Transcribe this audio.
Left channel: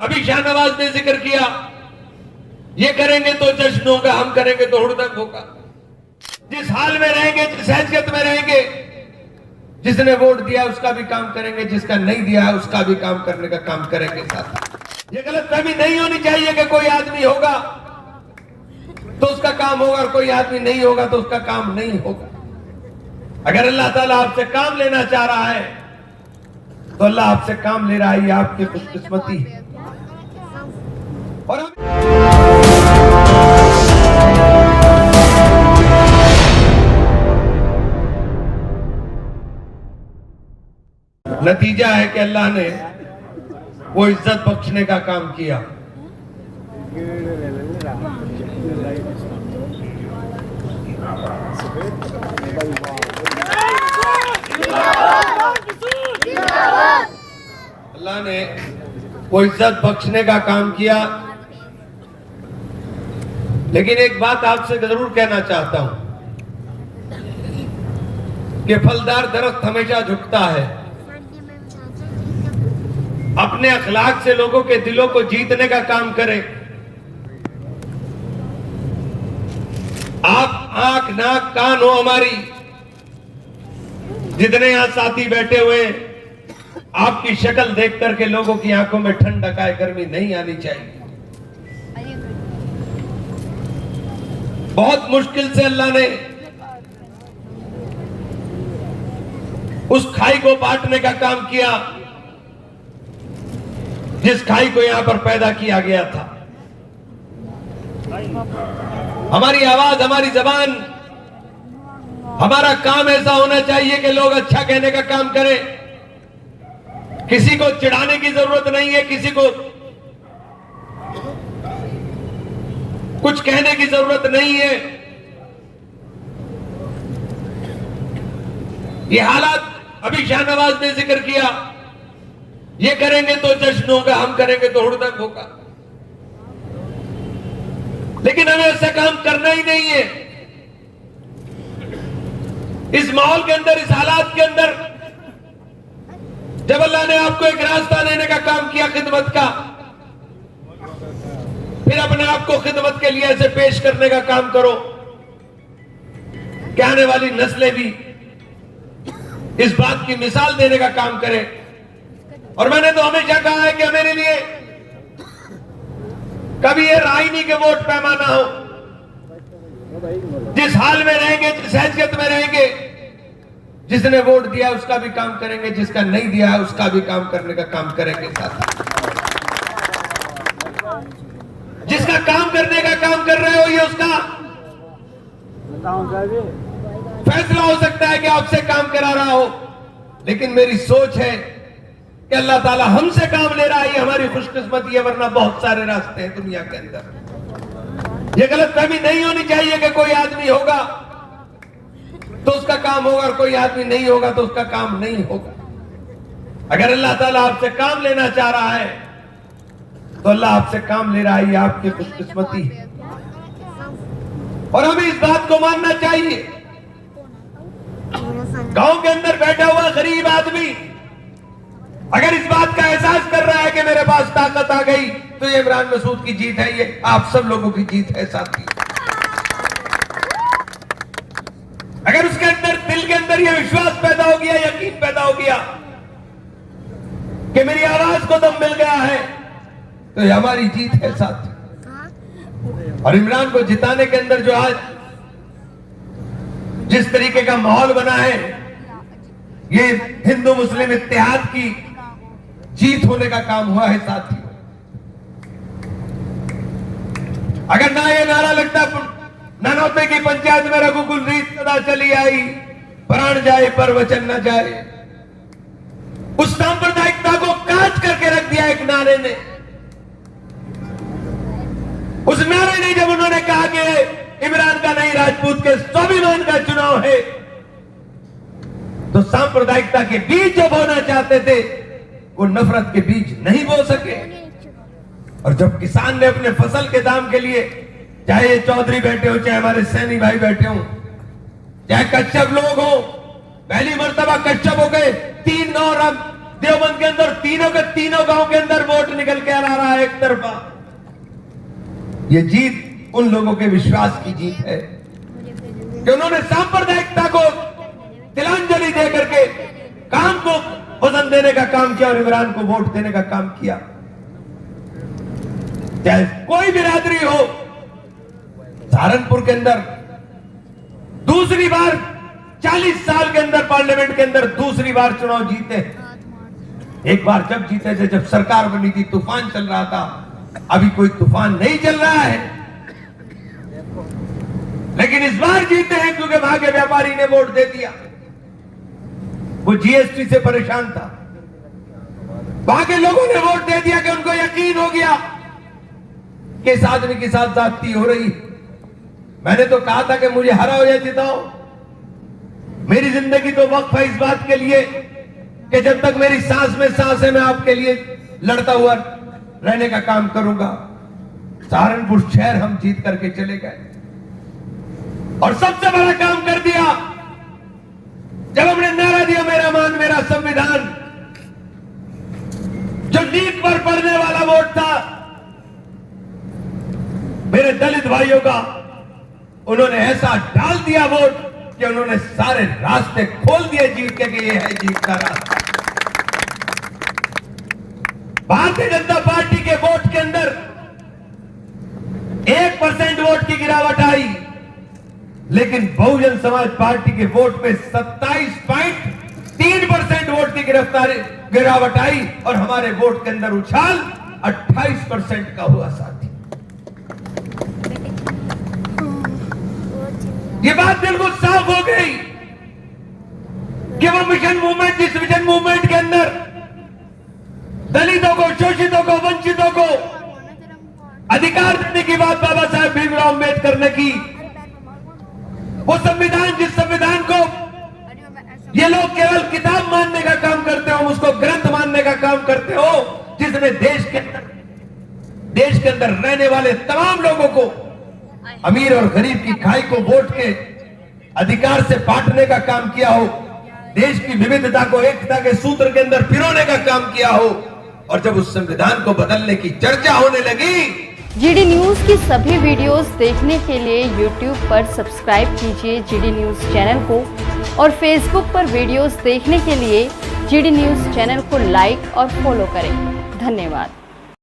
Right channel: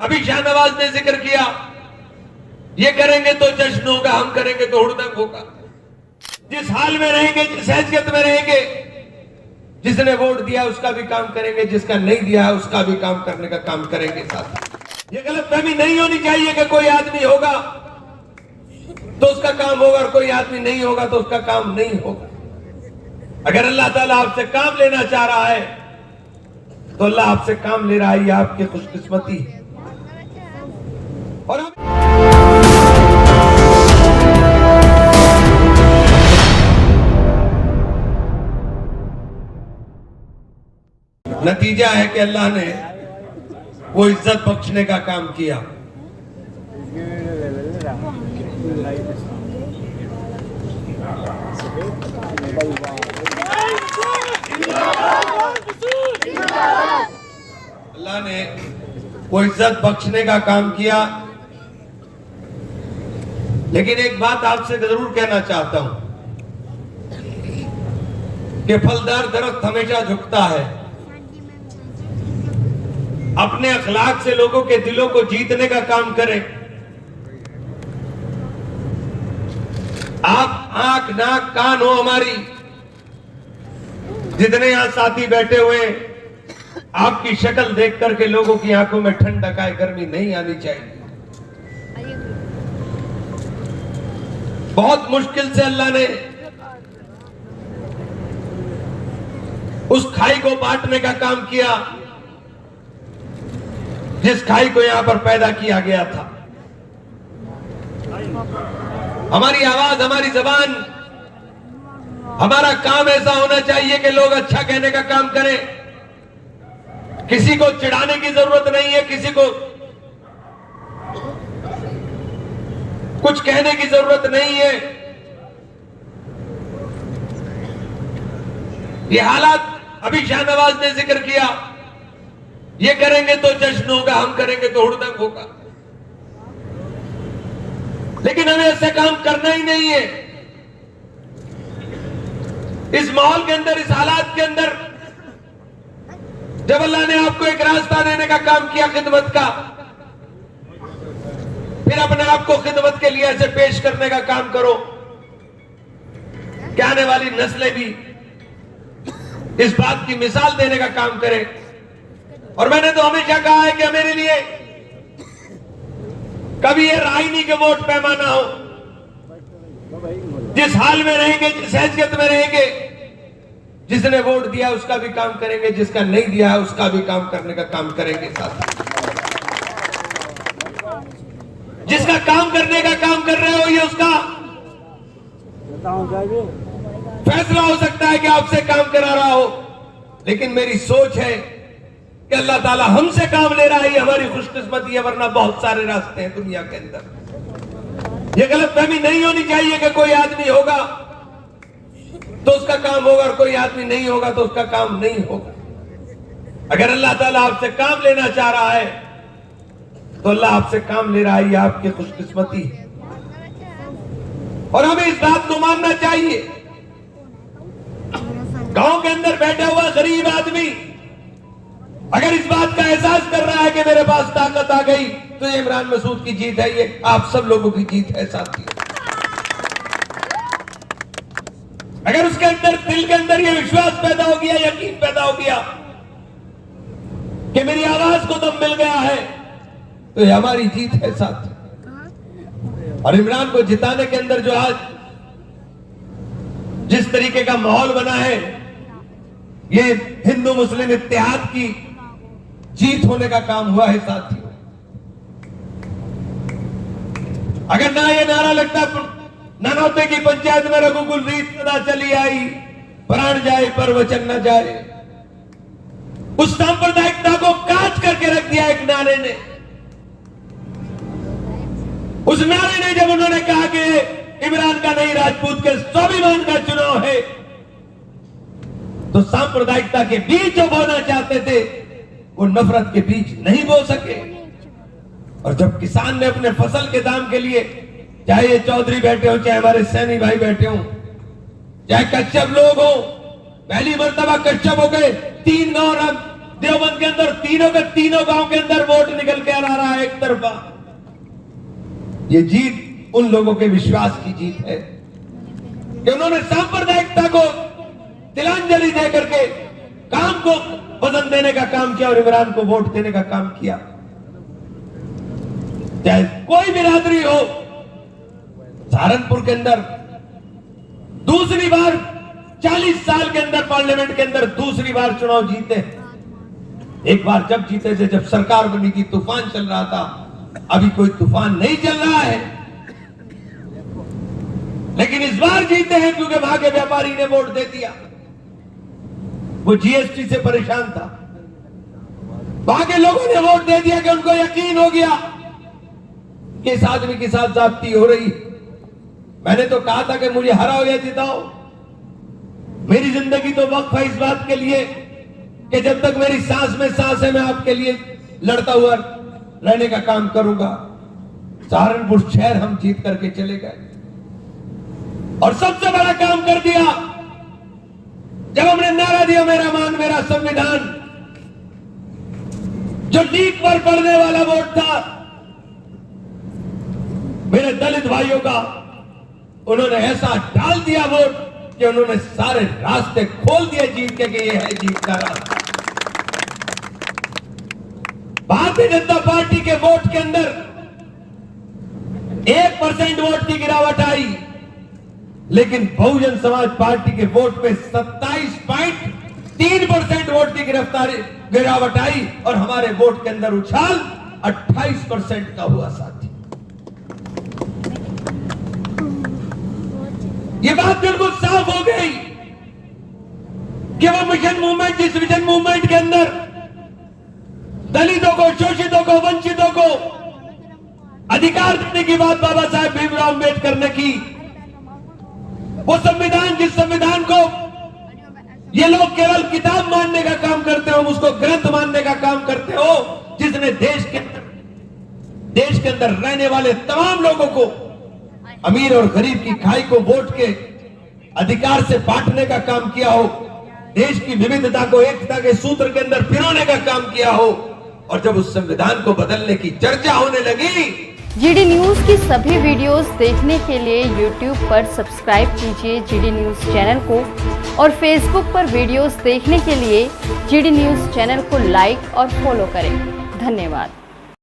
अभी शाहनवाज ने जिक्र किया, ये करेंगे तो जश्न होगा, हम करेंगे तो हुड़दंग होगा। जिस हाल में रहेंगे, जिस हैसियत में रहेंगे, जिसने वोट दिया उसका भी काम करेंगे, जिसका नहीं दिया है उसका भी काम करने का काम करेंगे। साथ ये गलतफहमी नहीं होनी चाहिए कि कोई आदमी होगा तो उसका काम होगा और कोई आदमी नहीं होगा तो उसका काम नहीं होगा। अगर अल्लाह ताला आपसे काम लेना चाह रहा है तो अल्लाह आपसे काम ले रहा है, ये आपकी खुशकिस्मती है। और नतीजा है कि अल्लाह ने वो इज्जत बख्शने का काम किया। अल्लाह ने वो इज्जत बख्शने का काम किया। लेकिन एक बात आपसे जरूर कहना चाहता हूं कि फलदार दरख्त हमेशा झुकता है। अपने अखलाक से लोगों के दिलों को जीतने का काम करें। आप आंख नाक कान हो हमारी, जितने यहां साथी बैठे हुए, आपकी शक्ल देख करके लोगों की आंखों में ठंडक आए, गर्मी नहीं आनी चाहिए। बहुत मुश्किल से अल्लाह ने उस खाई को बांटने का काम किया जिस खाई को यहां पर पैदा किया गया था। हमारी आवाज, हमारी जबान, हमारा काम ऐसा होना चाहिए कि लोग अच्छा कहने का काम करें। किसी को चिढ़ाने की जरूरत नहीं है, किसी को कुछ कहने की जरूरत नहीं है। ये हालात अभी शाहनवाज ने जिक्र किया, ये करेंगे तो जश्न होगा, हम करेंगे तो हुड़दंग होगा। लेकिन हमें ऐसा काम करना ही नहीं है। इस माहौल के अंदर, इस हालात के अंदर, जब अल्लाह ने आपको एक रास्ता देने का काम किया खिदमत का, फिर अपने आप को खिदमत के लिए ऐसे पेश करने का काम करो कि आने वाली नस्लें भी इस बात की मिसाल देने का काम करें। और मैंने तो हमेशा कहा है कि मेरे लिए कभी ये राय नहीं कि वोट पैमाना हो। जिस हाल में रहेंगे, जिस हैसियत में रहेंगे, जिसने वोट दिया उसका भी काम करेंगे, जिसका नहीं दिया है उसका भी काम करने का काम करेंगे। साथ जिसका काम करने का काम कर रहे हो, ये उसका फैसला हो सकता है कि आपसे काम करा रहा हो। लेकिन मेरी सोच है कि अल्लाह ताला हमसे काम ले रहा है, ये हमारी खुशकिस्मती है। वरना बहुत सारे रास्ते हैं दुनिया के अंदर। ये गलतफहमी नहीं होनी चाहिए कि कोई आदमी होगा तो उसका काम होगा और कोई आदमी नहीं होगा तो उसका काम नहीं होगा। अगर अल्लाह ताला आपसे काम लेना चाह रहा है तो अल्लाह आपसे काम ले रहा है, ये आपकी खुशकिस्मती है। और हमें इस बात को मानना चाहिए। गांव के अंदर बैठा हुआ गरीब आदमी अगर इस बात का एहसास कर रहा है कि मेरे पास ताकत आ गई, तो ये इमरान मसूद की जीत है, ये आप सब लोगों की जीत है साथी। अगर उसके अंदर, दिल के अंदर ये विश्वास पैदा हो गया, यकीन पैदा हो गया कि मेरी आवाज को दम मिल गया है, तो ये हमारी जीत है साथी। और इमरान को जिताने के अंदर जो आज जिस तरीके का माहौल बना है, ये हिंदू मुस्लिम इत्तेहाद की जीत होने का काम हुआ है साथी। अगर ना ये नारा लगता, ननौते की पंचायत में रघुकुल रीत सदा चली आई, प्राण जाए पर वचन न जाए, उस सांप्रदायिकता को काट करके रख दिया एक नारे ने। उस नारे ने जब उन्होंने कहा कि इमरान का नहीं, राजपूत के स्वाभिमान का चुनाव है, तो सांप्रदायिकता के बीज जो बोना चाहते थे वो नफरत के बीज नहीं बो सके। और जब किसान ने अपने फसल के दाम के लिए, चाहे ये चौधरी बैठे हो, चाहे हमारे सैनी भाई बैठे हो, चाहे कच्छप लोग हो, पहली मर्तबा कच्छप हो गए 3 गांव, देवबंद के अंदर तीनों के तीनों गांव के अंदर वोट निकल के आ रहा है। तरफा। ये जीत उन लोगों के विश्वास की जीत है कि उन्होंने सांप्रदायिकता को तिलांजलि दे करके काम को वजन देने का काम किया और इमरान को वोट देने का काम किया। चाहे कोई बिरादरी हो, सहारनपुर के अंदर दूसरी बार 40 साल के अंदर पार्लियामेंट के अंदर दूसरी बार चुनाव जीते। एक बार जब जीते थे, जब सरकार बनी थी, तूफान चल रहा था। अभी कोई तूफान नहीं चल रहा है, लेकिन इस बार जीते हैं क्योंकि वहां के व्यापारी ने वोट दे दिया। वो जीएसटी से परेशान था, वहां के लोगों ने वोट दे दिया कि उनको यकीन हो गया कि इस आदमी के साथ जाती हो रही। मैंने तो कहा था कि मुझे हराओ या जिताओ, मेरी जिंदगी तो वक्फ है इस बात के लिए कि जब तक मेरी सांस में सांस है मैं आपके लिए लड़ता हुआ रहने का काम करूंगा। सहारनपुर शहर हम जीत करके चले गए और सबसे बड़ा काम कर दिया जब हमने नारा दिया मेरा मान मेरा संविधान। जो नींद पर पड़ने वाला वोट था मेरे दलित भाइयों का, उन्होंने ऐसा डाल दिया वोट कि उन्होंने सारे रास्ते खोल दिए जीत के कि ये है जीत का रास्ता। भारतीय जनता पार्टी के वोट के अंदर 1% वोट की गिरावट आई, लेकिन बहुजन समाज पार्टी के वोट में 27.3% वोट की गिरावट आई और हमारे वोट के अंदर उछाल 28% का हुआ साथी। ये बात बिल्कुल साफ हो गई कि वो मिशन मूवमेंट, जिस मिशन मूवमेंट के अंदर दलितों को, शोषितों को, वंचितों को अधिकार देने की बात बाबा साहेब भीमराव अम्बेडकर ने की, वो संविधान, जिस संविधान को ये लोग केवल किताब मानने का काम करते हो, उसको ग्रंथ मानने का काम करते हो, जिसने देश के अंदर रहने वाले तमाम लोगों को, अमीर और गरीब की खाई को वोट के अधिकार से बांटने का काम किया हो, देश की विविधता को एकता के सूत्र के अंदर पिरोने का काम किया हो, और जब उस संविधान को बदलने की चर्चा होने लगी। जीडी न्यूज की सभी वीडियोस देखने के लिए YouTube पर सब्सक्राइब कीजिए जीडी न्यूज चैनल को, और Facebook पर वीडियोस देखने के लिए जीडी न्यूज चैनल को लाइक और फॉलो करें। धन्यवाद।